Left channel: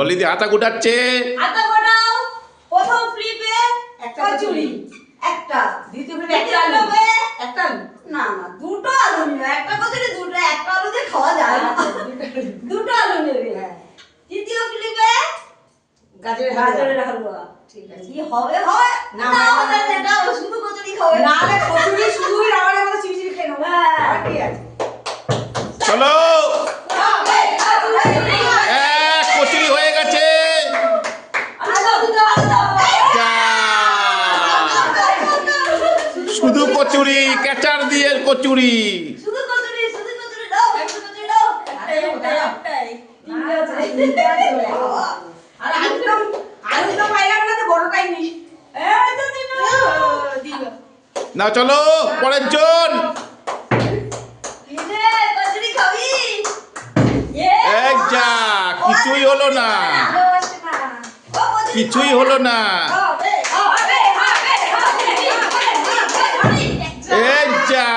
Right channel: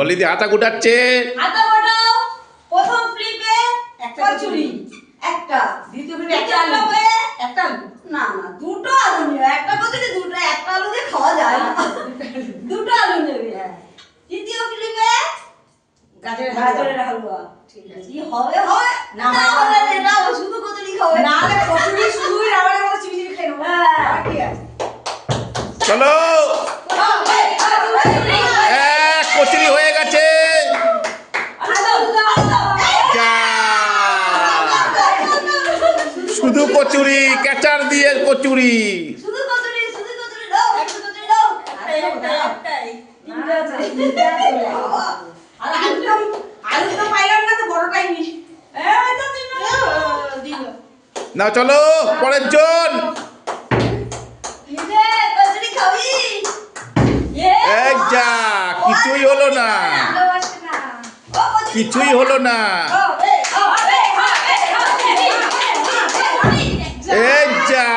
ডলিদি হাতা গুটাচ্ছে। হাতা গোটাও। প্রথম ফ্লিপে একটা কচুরি, একটা দ্বিতীয় ফ্লিপে একটা আলু, একটা আলু না না দুটো আলু নিও, একটা কচুরি দুটো, একটা আলু দিয়ে খাওয়া যায় না, দুটো আলু নেবে। তৃতীয় ফ্লিপে গাজরের হালুয়া। ঠিক আছে, কি হবে হবে না, এটা শুধু কচুরি খাবে না, কচুরি শুধুই রাবারের মতো চিবিচিবি খেয়ে নেবো। ঠিক আছে, চলো, এক কচুরি হয়ে গেছে। শুধু কচুরি, কেচার দিয়ে কচুরি। শুধু কচুরি, শুধু কচুরি দাও, একটা কচুরি দাও, একটাই আর আলুটা পাইলাম না তো বড়টাই নিস। এই তো দিল। না চলো পরের জন। ইয়ে কচুরি খাবি? এই যা, কিছুই হলো না, কিছুই হলো না। এই যা,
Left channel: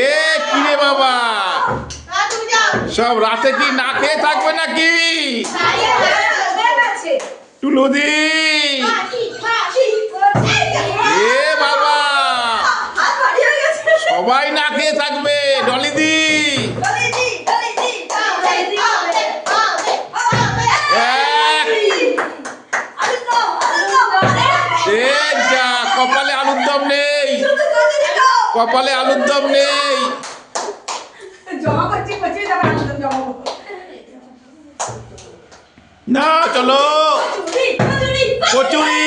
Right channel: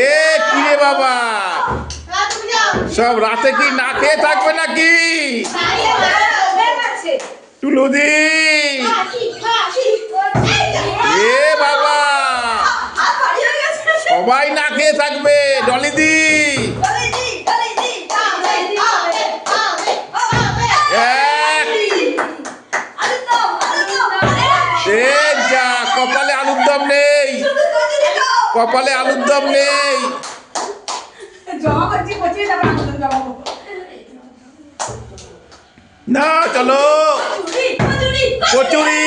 এ কিরে বাবা, সব রাতে কি না খেয়ে থাকবে নাকি? টুলুদি, এ বাবা, সবাই না খেয়ে থাকবে। ডলিদি, এ যা, কপালে আলুর দম নেই, কপালে আলুর দম নেই। না চলো, কচুরি,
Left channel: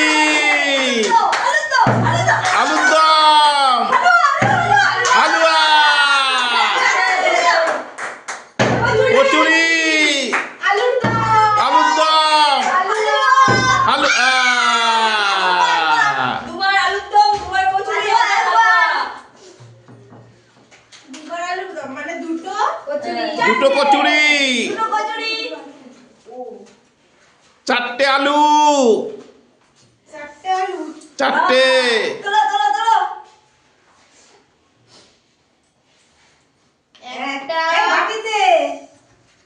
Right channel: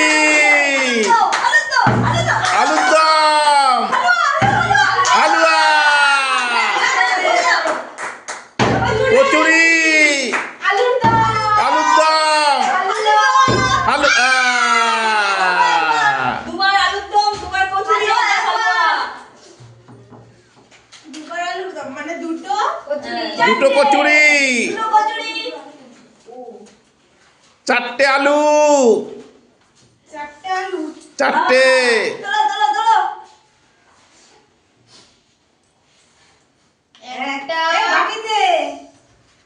আলুর দম, হালুয়া, কচুরি, আলুর দম, আলু, তোমার আলুর দম, তোমার কচুরি, দুবার আলুর দম মানে দুটো কচুরি, দুটো কচুরি, দুটো কচুরি, চারটে আলু, চারটে আলু, চারটে। তোলো তোলো তোলো, একটা বাটিতে,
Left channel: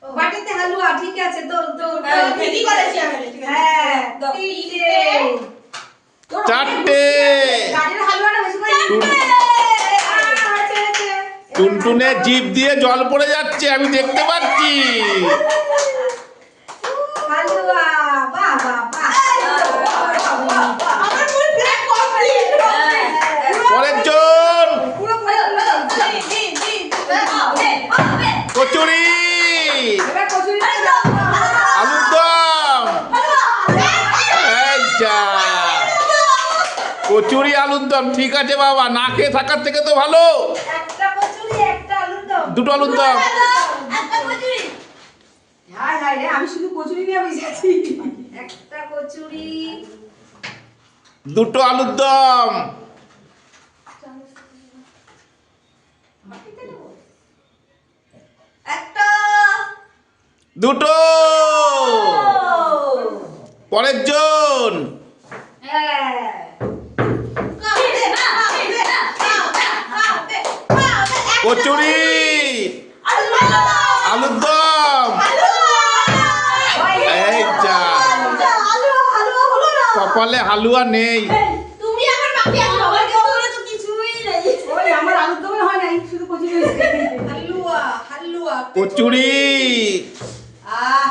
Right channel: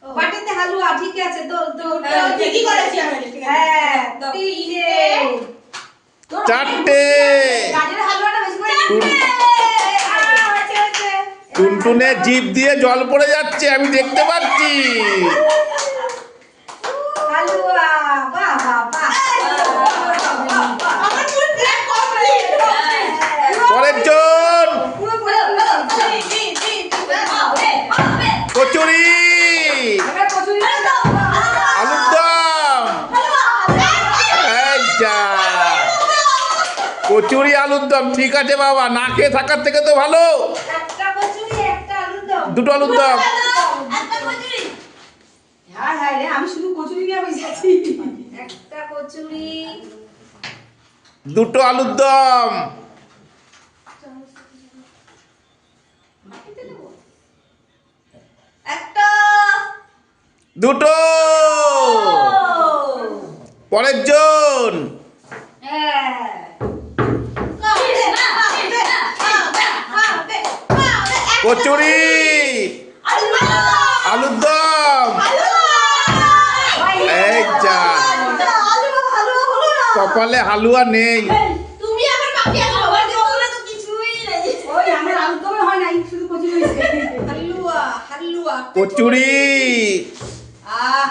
বাটিতে হালুয়া। ঠিক আছে, তো তো ঠিকই করেছি আমি। ঠিক আছে, হ্যাঁ তিনটে, চারটে। গাজরের হালুয়াটা বেশি করে টুনটুনে জিভ দিয়ে জল পড়ে যাচ্ছে, আমি দেখতে পাচ্ছি। হালুয়া, বাহ বাহ বাহ, আমার ফুল প্লেট কমপ্লিট। পরের জন, পুরো পুরো কচুরি, এবার কচুরি দাও, আলুর দম। এই যা, কচুরি আলুর দম। ঠিক আছে বাবা, না খেয়ে থাকার থেকে তো ভালো। একটা কচুরি, একটা আলুর দম, দুটো আলুর দম। একটা কচুরি। হায় হায় রে, আমি শুধু কচুরি নিয়ে বসেছি। একটা কচুরি, দুটো আলুর দম। একটা, দুটো। পরের জন, কচুরি, আলুর দম। এই যা, কপালে হালুয়া নেই। তুমি আমার বাকি আছো, আমার কপালে তো কিছুই নেই। ওই আমার আলুর দম হয় নাই, শুধু কচুরি হয়েছে। হালুয়া, হালুয়া, কচুরি, আহ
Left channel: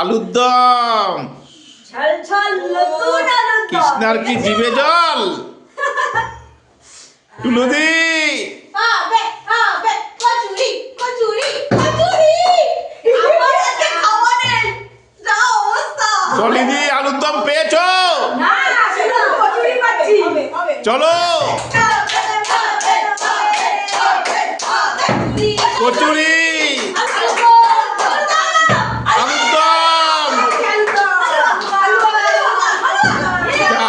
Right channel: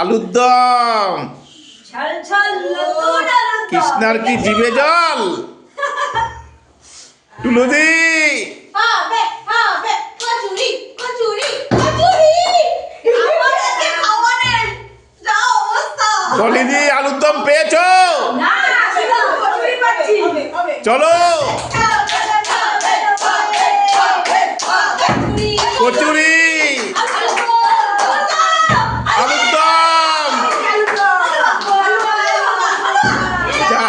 আলুর দম। ঝাল ঝাল নতুন আলুর দম। কৃষ্ণার কি জিভে জল? টুলুদি, হবে হবে কচুরি কচুরি কচুরি, আমার আজকে খাওয়া নেই, যা অবস্থা। ডলিদি আলুর দম পেয়েছো? না, শুধু কচুরি পাচ্ছি। চলো, কচুরি, আলুর দম। যা,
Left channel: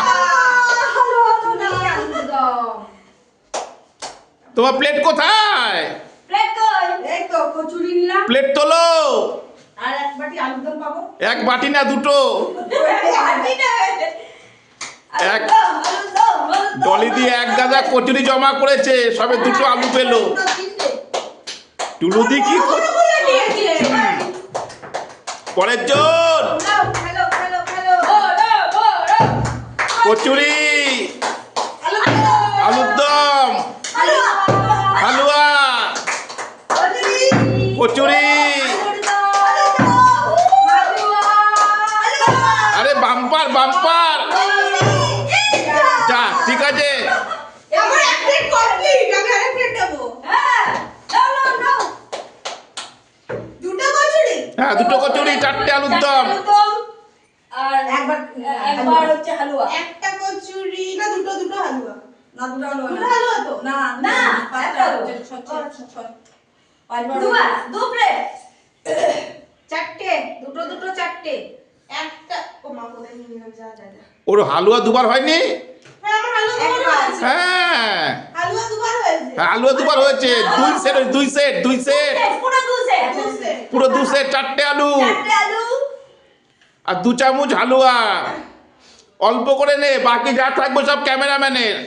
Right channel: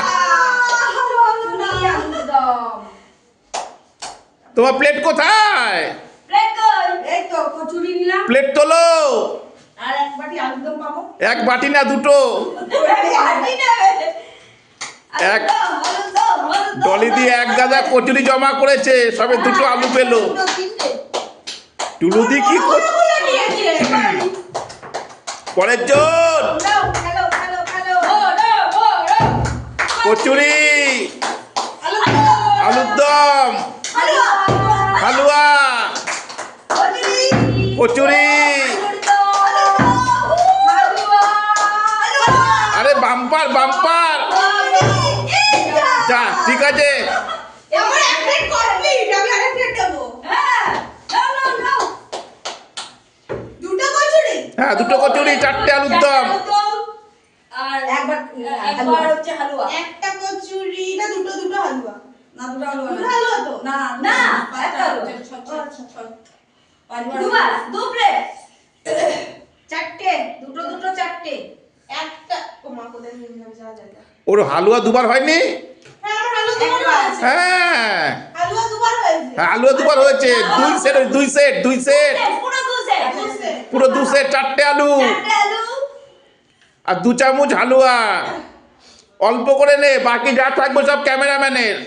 তোমার প্লেট কোথায়? প্লেট তোলো। আর এক বাটি আলুর দম পাবো? এক বাটি না দুটো? এক ডলি দিয়ে এক গাদা কচুরি জমা করেছে, সবে দুটো আলু পেলো। টুলুদি কি পরের জন কচুরি, আলুর দম, হালুয়া, কচুরি। আরে বাম্পার বাম্পার। যা ঠিক আছে, হ্যাঁ দুটো কচুরি, চারটে আলুর দম। আর একবার হচ্ছে হালুয়া। একটা কচুরি না দুটো দুটো হালুয়া? না দুটো হালুয়া দুটো হালুয়া তো? না না একটা হালুয়া। দুবার দু প্লেট চারটে, দুটো দুটো চারটে। একটা ও মা কোথায় নিয়ে যাবে? যা যা যা। ওর হালুয়া দুবার হয়নি? হ্যাঁ আমার হালুয়া দুবার হয়েছে। হ্যাঁ হালুয়া দুবার হয়েছে। হালুয়া দুবার হয়েছে। দুই সেট পুরো দু সেট পুরো 2 সেট, চারটে আলু চারটে আলু আর 2 চামচ হালুয়া। অল্প করে নে, বাকি যা থাকবে সব ক্যামেরাম্যানের।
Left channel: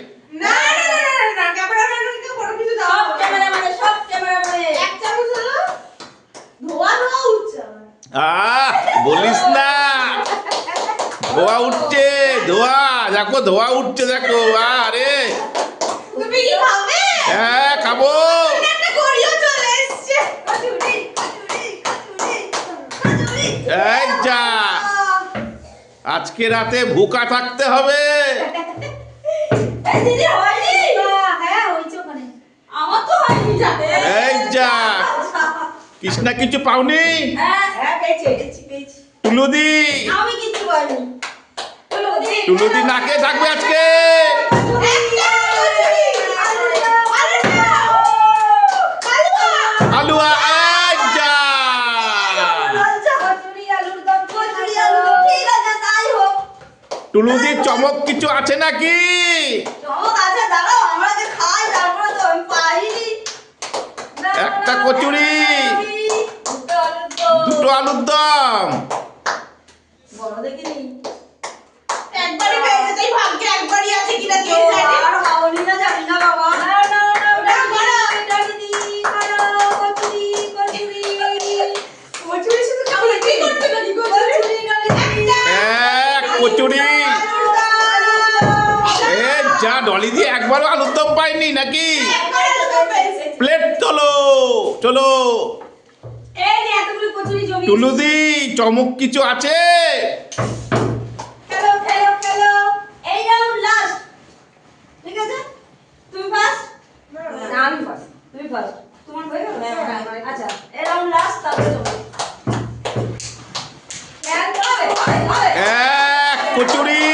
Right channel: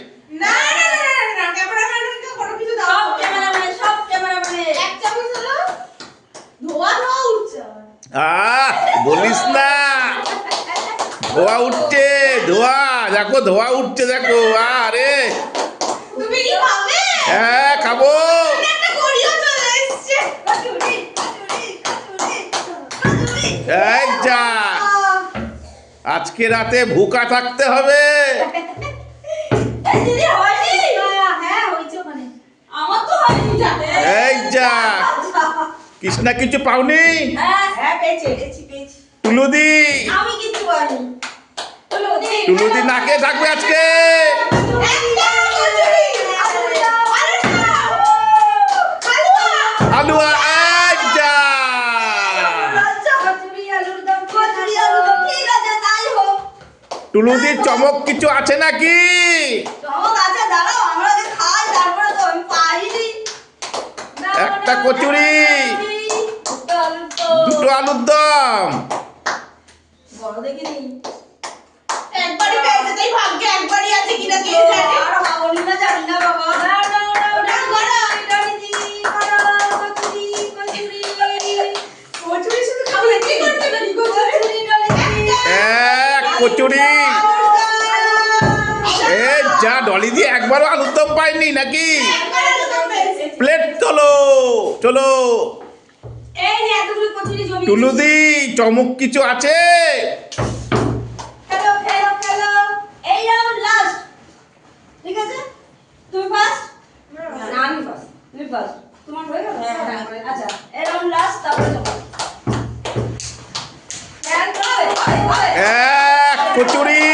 না না না না না ক্যামেরাম্যানকে কোনো কিছু দাও। সব ক্যামেরাম্যানে এক চামচ হলো ধোয়া ধোয়া উঠছে আমার। বলিস না, ধোয়া উঠছে, ধোয়া দেখো, ধোয়া উঠছে দেখো। আরে তুমি কি খাবে? হ্যাঁ খাবো। একটা গড়িও চলে এসেছে। কচুরি কচুরি কচুরি কচুরি। এই যা, আজকে রাতে ভুকা থাকতে হবে। এই দিদি হয়নি? হ্যাঁ হয়েছে ওখানে। আমার তো হয়নি জানে। এই যা, কৃষ্ণা কিছু পাওনি? হ্যাঁ পেয়েছি। টুলুদি, আমি কিছু পাইনি। টুলুদি নাকে থাকবে আজকে। একটা কচুরি। আরে না। হালুয়া। হালুয়া, এই যা। কচুরি আলুর দম ঠিক আছে তাই হোক। টুলুদির চমক কিছু আছে নাকি? চমক আছে, দাঁড়াও আমরা যে খাই তারপরে তো আমি পাইনি। একটা কচুরি, দুটো আলুর দম। বড় দেখিনি। একবারই পেয়েছে, তাই ভাগ্যে একবারই আছে কিনা কে জানে। আর হবনি না জানি না বাবা। ওটা করো। কচুরি শুধু খাবে কি করতে পারি কচুরি? এক কচুরি। এ যা, ডলি দিয়ে একবারও আলুর দম পাইনি নাকি? একবারে তো পেয়েছে। প্লেট চলো চলো। এই যে এতগুলো কচুরি জমি। টুলুদি চমক কিছু আছে? খেলো। এই রাউন্ড লাস্ট। ঠিক আছে? তুমি ফার্স্ট? না আমি ফার্স্ট। তুমি ফার্স্ট। তোমার হয়ে গেল? আচ্ছা, এই রাউন্ড লাস্ট, তারপরে তোমার। হবে। এক কচুরি,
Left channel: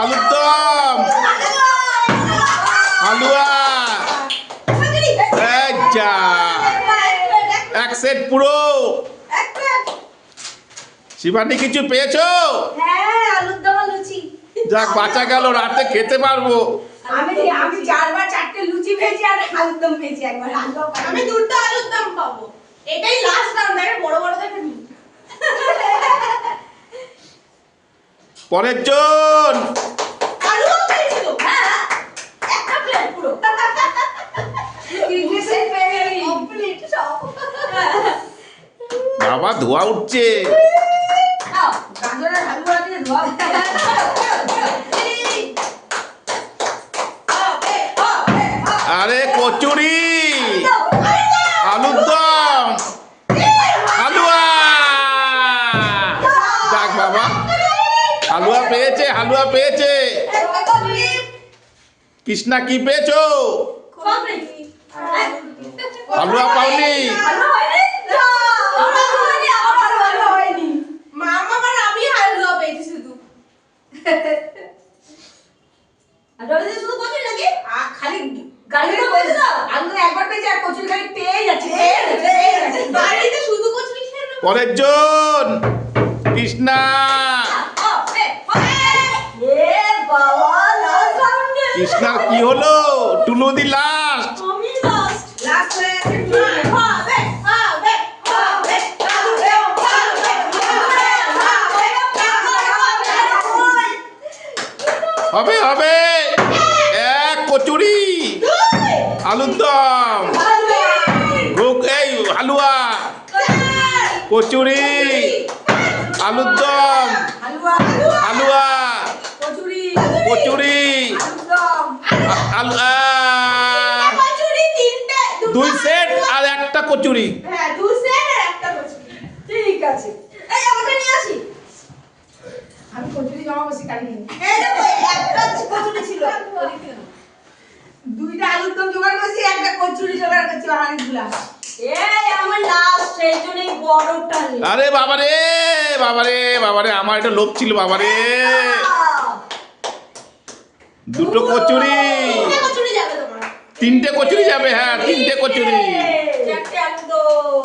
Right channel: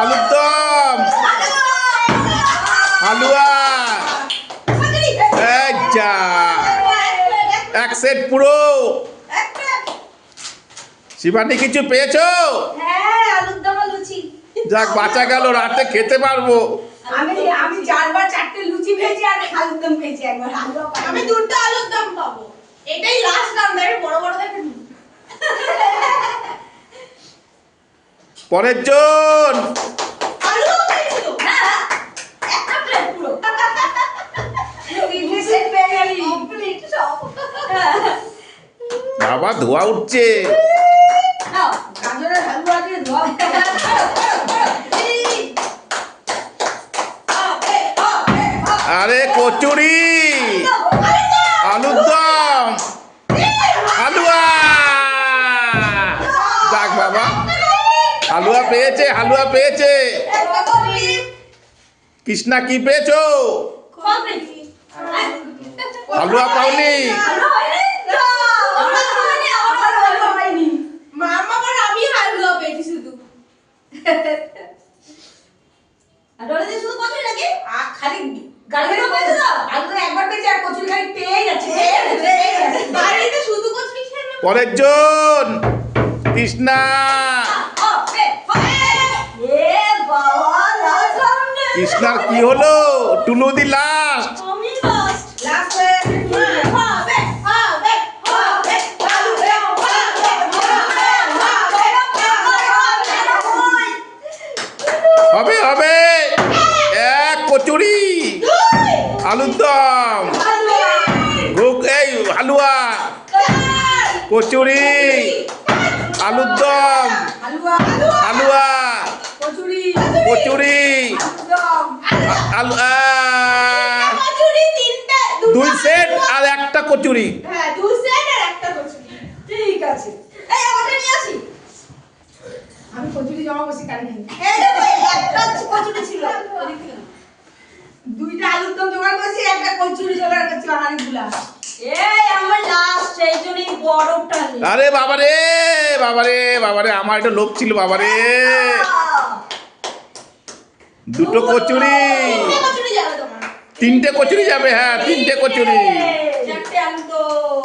আলুর দম, হালুয়া। এই যা, এক সেট পুরো। শিবানী কিছু পেয়েছো? হ্যাঁ, আলুর দম আর লুচি। যাক বাঁচা গেল, রাতে খেতে পারবো। আমি 4বার 4টে লুচি পেয়েছি আর আলুর দম পেয়েছি একবার। আমি দুটো আলুর দম পাবো। এটাই লাস্ট রাউন্ড, এর বড় বড় দেখে নি। পরের জন আলুও পেয়েছি তো। হ্যাঁ, একটা প্লেট পুরো। তিনটে সেট পেয়ে গেলি। কমপ্লিট সব। বাবা ধোয়া উঠছে। নাও, গাজরের হালুয়া দিয়ে ধোয়া। আরে কচুরি, আলুর দম, হালুয়া। যাক বাবা, হালুয়া পেয়েছে। কৃষ্ণা কি পেয়েছো? হালুয়া পাওনি? মামা আবার আমি হালুয়া পেয়েছি শুধু। খালি গাড়িতে পেয়েছে না, আলু তো একবার পেয়েছে আর কচুরি খালি পেয়ে যাচ্ছে। বাড়িতে শুধু কচুরি খেয়ে নেবো। পরের জন কৃষ্ণা। কৃষ্ণার কি হলো? টুলুদি লাস্ট। আলুর দম, এই হালুয়া, কচুরি, আলুর দম, হালুয়া, কচুরি, আলু, কচুরি তিনটে, দুই সেট আর একটা কচুরি। হ্যাঁ 2 সেট আর একটা কচুরি। ঠিক আছে, এই আমাকে নিয়ে আসি। আমি কচুরি জমা বসে কাটি নি। এই দেখো, একটা কচুরি ছিল, 2টা আলুর দম জোগাড় করেছি, একটা কচুরি জোগাড় করেছি অনেকগুলা। এই আমার লাস্ট, সেই জন্যই বড়টা নিই। আরে বাবারে বাবারে বাবারে, আমার একটা লোভ ছিল বাবারে। দুটো কচুরি, 3টে কচুরি যাবে তোমার। তিনটে কচুরি যাবে, হ্যাঁ 3টে কচুরি, 4টে আলুদম,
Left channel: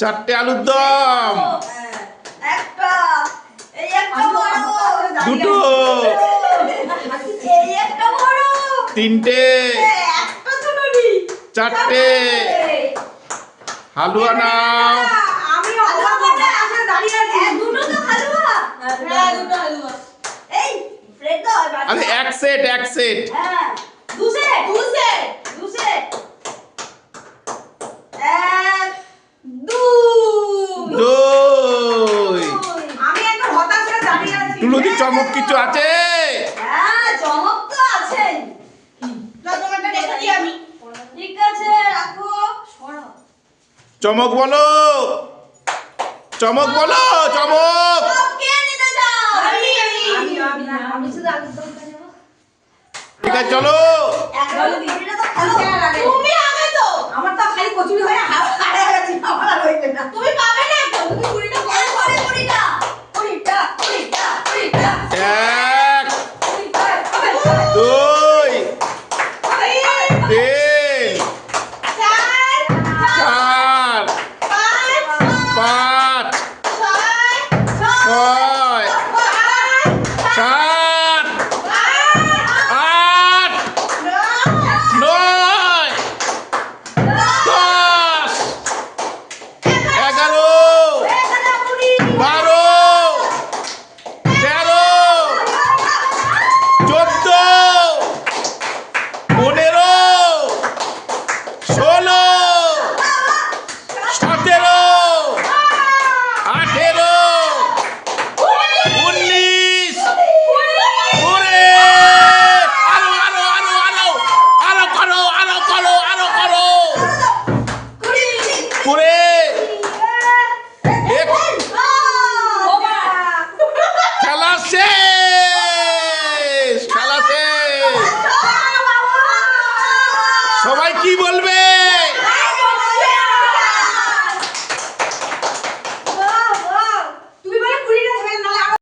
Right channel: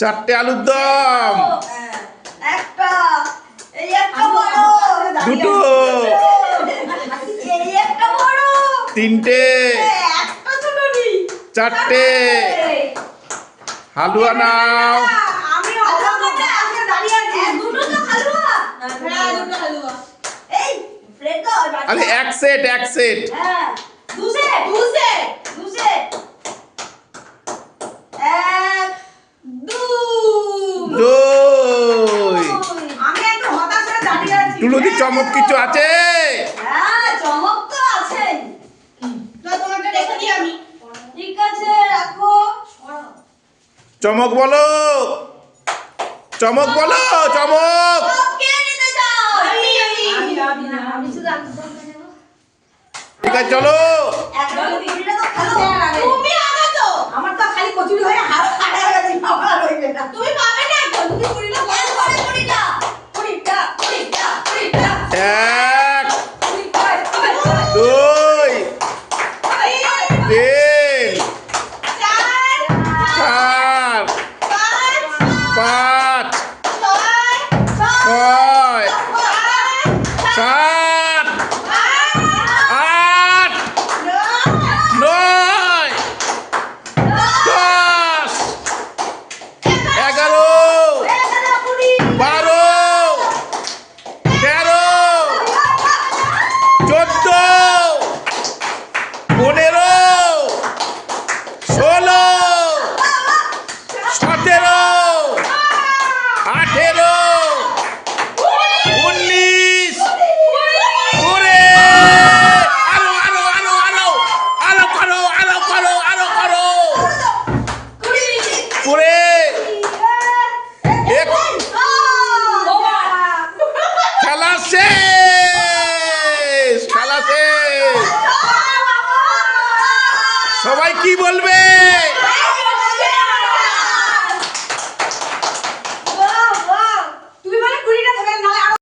চারটে আলুর দম, একটা, এই একটা বড়, দুটো, এই একটা বড়, তিনটে, একটা ছোট নিই, চারটে, হালুয়া নাও। আমি অবাক হয়ে আসলে দাঁড়িয়ে আছি। দুটো তো হালুয়া, হ্যাঁ 2টো হালুয়া। এই প্লেট দাও, আরে এক সেট, এক সেট, হ্যাঁ, দু সেট, দু সেট, এক, দই। আমি একটু হতাশ হয়ে দাঁড়িয়ে আছি। টুলুদি চমক কিছু আছে? হ্যাঁ, চমক তো আছে। না তোমারটা রেখে দিই আমি। ঠিক আছে, রাখো। চমক বলো, চমক বলো, চমক। সব কে নিতে চাও? আমি শুধু আলুদমটা নেব। ঠিক আছে চলো। একবারে দিদিটা তো খালো। তুমি আগে তো। আমার তো খালি কচুরি হয়ে হারা গেছে, আমার হইবে না। তুমি পাবে না তো, তুমি কুড়িটা এর পরে কুড়িটা, কুড়িটা, কুড়িটা, কুড়িটা, এক, কুড়িটা, দুই, তিন, চার, পাঁচ, ছয়, সাত, আট, নয়, 10, 11, 12, 13, 14, 15, 16, 17, 18, 19, 20, আরো আরো আরো আরো আরো করো, আরো করো, আরো করো, 20, খেলা শেষ, খেলা শেষ। সবাই কি বলবে?